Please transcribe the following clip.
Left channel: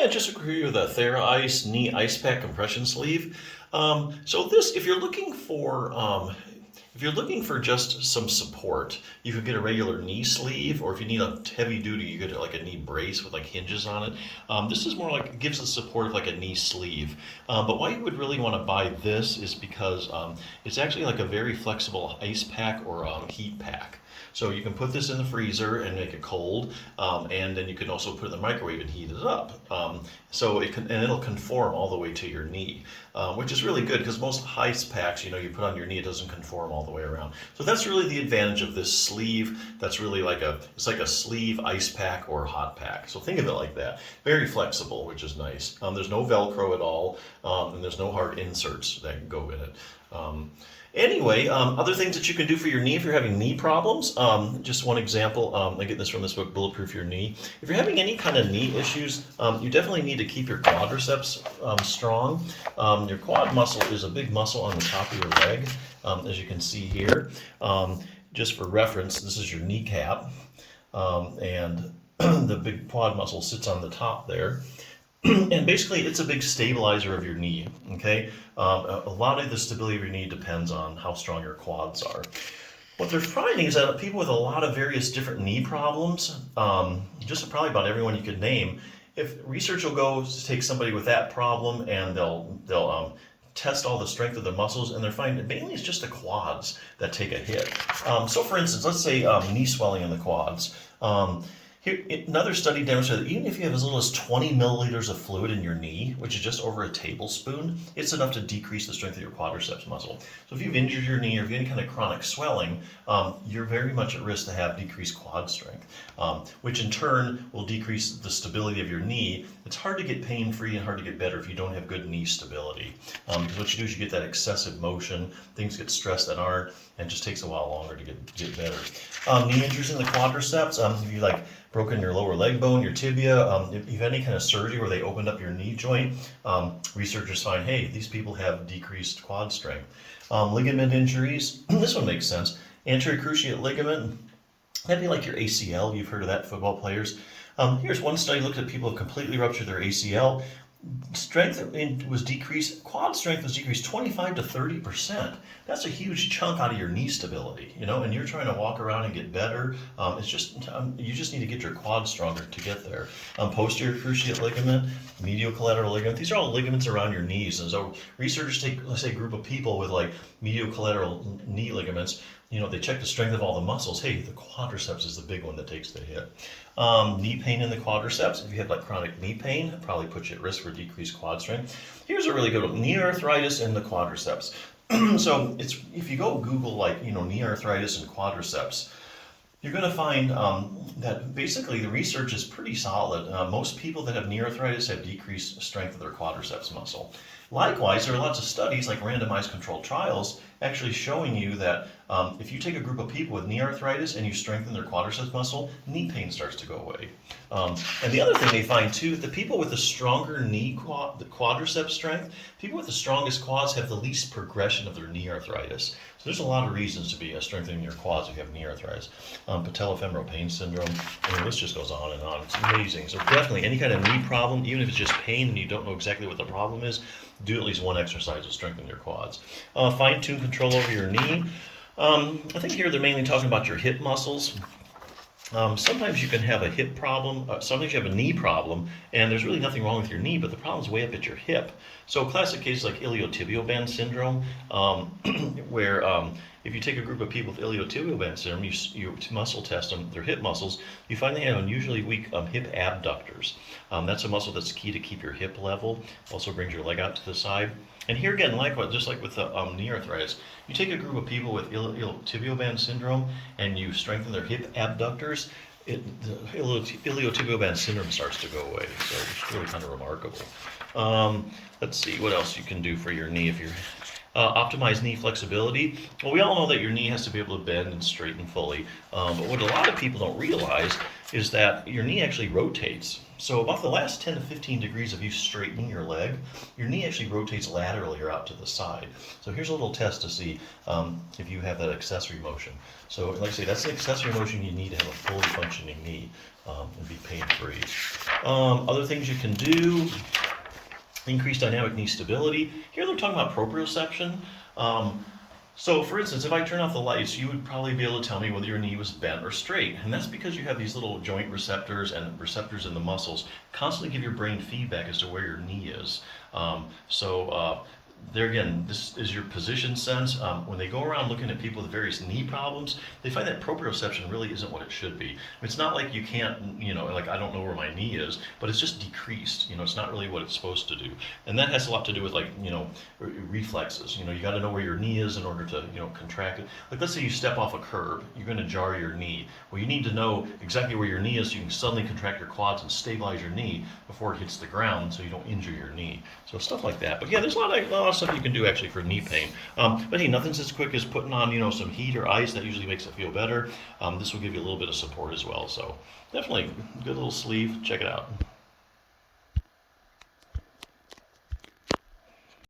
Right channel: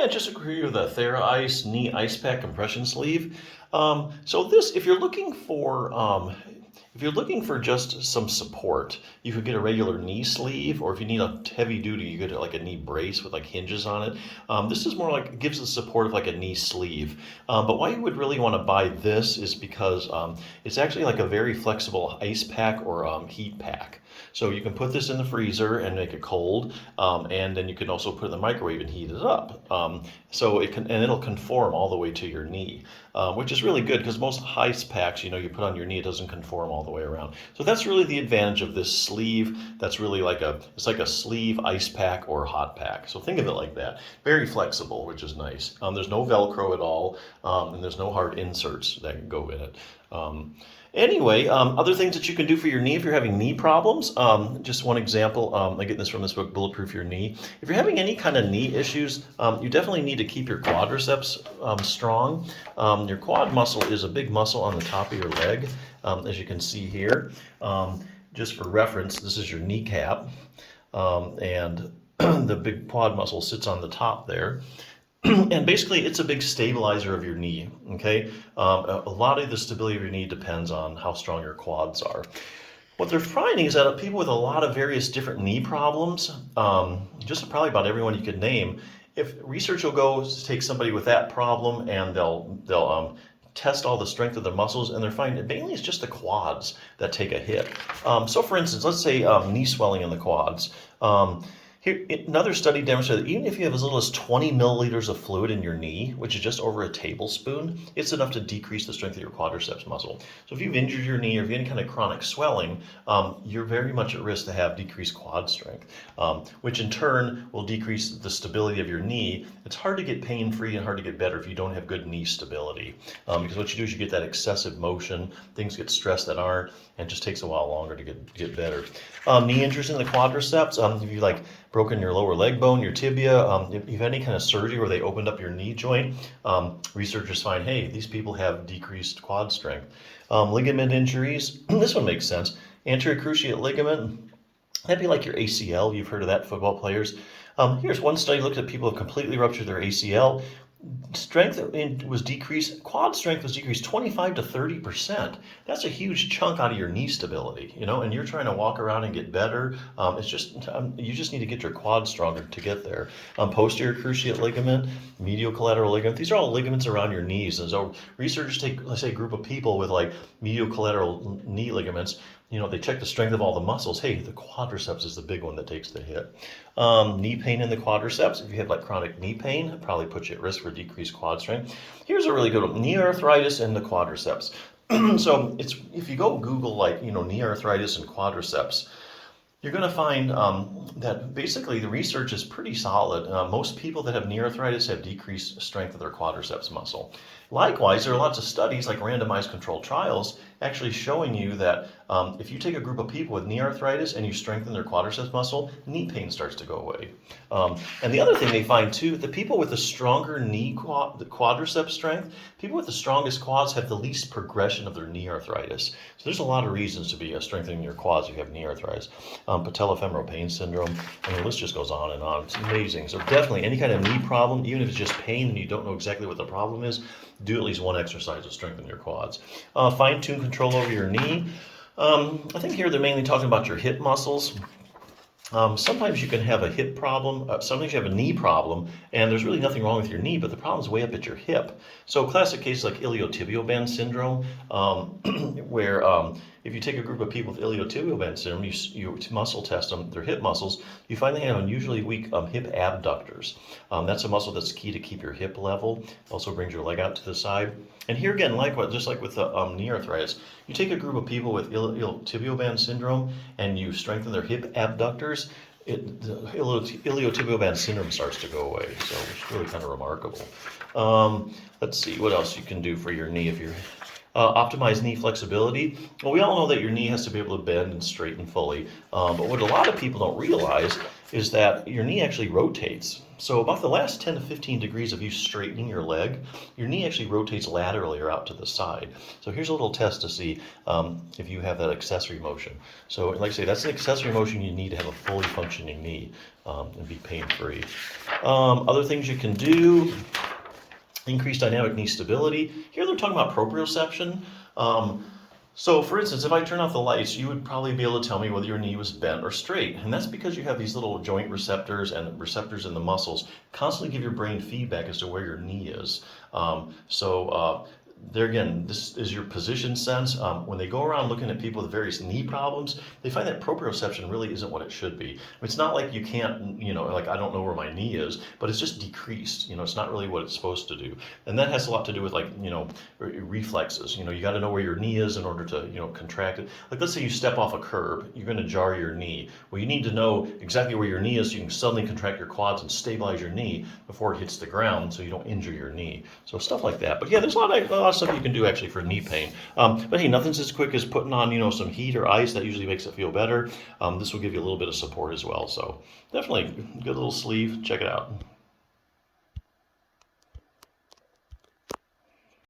Yeah, just agree with that TheraICE knee ice pack compression sleeve. So this, if you're looking for just some support, you could get a regular knee sleeve, or if you need a heavy duty, you get like a knee brace with like hinges on it. This is more like, it gives the support of like a knee sleeve. But why you would really want to buy this is because it's actually like a very flexible ice pack or heat pack. So you can put this in the freezer and make it cold, and then you can also put it in the microwave and heat it up. So it can, and it'll conform all the way to your knee, which is really good because most ice packs, you put on your knee, it doesn't conform all the way around. So that's really the advantage of this sleeve. That's really it's like a sleeve ice pack or hot pack. So think of it like that. Very flexible, which is nice. There's no Velcro at all, and there's no hard inserts that go in it. Anyway, other things that you can do for your knee if you're having knee problems. Just one example, I'm getting this from this book, Bulletproof Your Knee. If you're having any kind of knee issues, you definitely need to keep your quadriceps strong. Your quad muscle is a big muscle on the top of your leg, as you can see here. Just for reference, this is your kneecap, and the big quad muscle sits on the top there. And basically, it's a big stabilizer of your knee, okay? A lot of the stability of your knee depends on how strong your quads are. What they're finding is that people with a lot of various different knee problems, just probably about everyone you could name, if research will go to take somebody with that problem and they'll test all the strength of the muscles, and they're finding mainly it's just the quads that take a hit. So for instance, let's say knee swelling in the quads. Here, another study demonstrated that even if you have as little as 20 milliliters of fluid in your knee, which is just over a tablespoon, it's enough to decrease the strength of your quadriceps muscle. So if you've injured your knee or if you have any kind of chronic swelling, you're very much at risk to have decreased quad strength, which in turn will decrease the stability of your knee. It's hard to get pain-free and hard to get better if you don't have good knee stability, because what you do is you get that excessive motion, things get stressed that aren't, and it just takes a while longer to get better. Knee injuries in the quadriceps, if you broken your lower leg bone, your tibia, if you've had any kind of surgery where they opened up your knee joint, researchers find, hey, these people have decreased quad strength. Ligament injuries, this one makes sense. Anterior cruciate ligament, that'd be like your ACL. You've heard of that, football players. Here's one study looked at people who have completely ruptured their ACL. Strength was decreased, quad strength was decreased 25 to 30%. That's a huge chunk out of your knee stability, and you're trying to walk around and get better. It's just, you just need to get your quad stronger to get there. Posterior cruciate ligament, medial collateral ligament, these are all ligaments around your knees. And so researchers take, let's say, a group of people with medial collateral knee ligaments. They check the strength of all the muscles. Hey, the quadriceps is the big one that takes the hit. Knee pain in the quadriceps. If you have chronic knee pain, it probably puts you at risk for decreased quad strength. Here's a really good one: knee arthritis in the quadriceps. So if you go Google knee arthritis and quadriceps, you're going to find that basically the research is pretty solid. Most people that have knee arthritis have decreased strength of their quadriceps muscle. Likewise, there are lots of studies, like randomized controlled trials, actually showing you that if you take a group of people with knee arthritis and you strengthen their quadriceps muscle, knee pain starts to go away. And the other thing they find too, the people with the stronger the quadriceps strength, people with the strongest quads have the least progression of their knee arthritis. So there's a lot of reasons to be strengthening your quads if you have knee arthritis. Patellofemoral pain syndrome, and the list just goes on and on. It's amazing. So definitely any kind of knee problem, even if it's just pain and you don't know exactly what the problem is, do at least one exercise to strengthen your quads. Fine-tune control over your knee. I think here they're mainly talking about your hip muscles. Sometimes you can have a hip problem, sometimes you have a knee problem, and there's really nothing wrong with your knee, but the problem's way up at your hip. So classic cases like iliotibial band syndrome, where if you take a group of people with iliotibial band syndrome, you muscle test them, their hip muscles, you find they have unusually weak hip abductors. That's a muscle that's key to keep your hip level, also brings your leg out to the side. And here again, likewise, just like with the knee arthritis, you take a group of people with iliotibial band syndrome and you strengthen their hip abductors, the iliotibial band syndrome starts to go away. So it's really kind of remarkable. Let's see what else you can do for your knee if you're optimize knee flexibility. Well, we all know that your knee has to be able to bend and straighten fully, but what a lot of people don't realize is that your knee actually rotates. So about the last 10 to 15 degrees of you straightening your leg, your knee actually rotates laterally or out to the side. So here's a little test to see if you have that accessory motion. So like I say, that's an accessory motion you need to have a fully functioning knee. and be pain-free. Other things you can do: increase dynamic knee stability. Here they're talking about proprioception. So for instance, if I turn off the lights, you would probably be able to tell me whether your knee was bent or straight. And that's because you have these little joint receptors and receptors in the muscles constantly give your brain feedback as to where your knee is. There again, this is your position sense. When they go around looking at people with various knee problems, they find that proprioception really isn't what it should be. It's not like you can't, like I don't know where my knee is, but it's just decreased. It's not really what it's supposed to do. And that has a lot to do with reflexes. You got to know where your knee is in order to, contract it. Like let's say you step off a curb, you're going to jar your knee. Well, you need to know exactly where your knee is so you can suddenly contract your quads and stabilize your knee before it hits the ground so you don't injure your knee. So stuff like that. But yeah, there's a lot of stuff you can do actually for knee pain. But hey, nothing's as quick as putting on, some heat or ice. That usually makes it feel better. This will give you a little bit of support as well. So definitely good little sleeve. Check it out.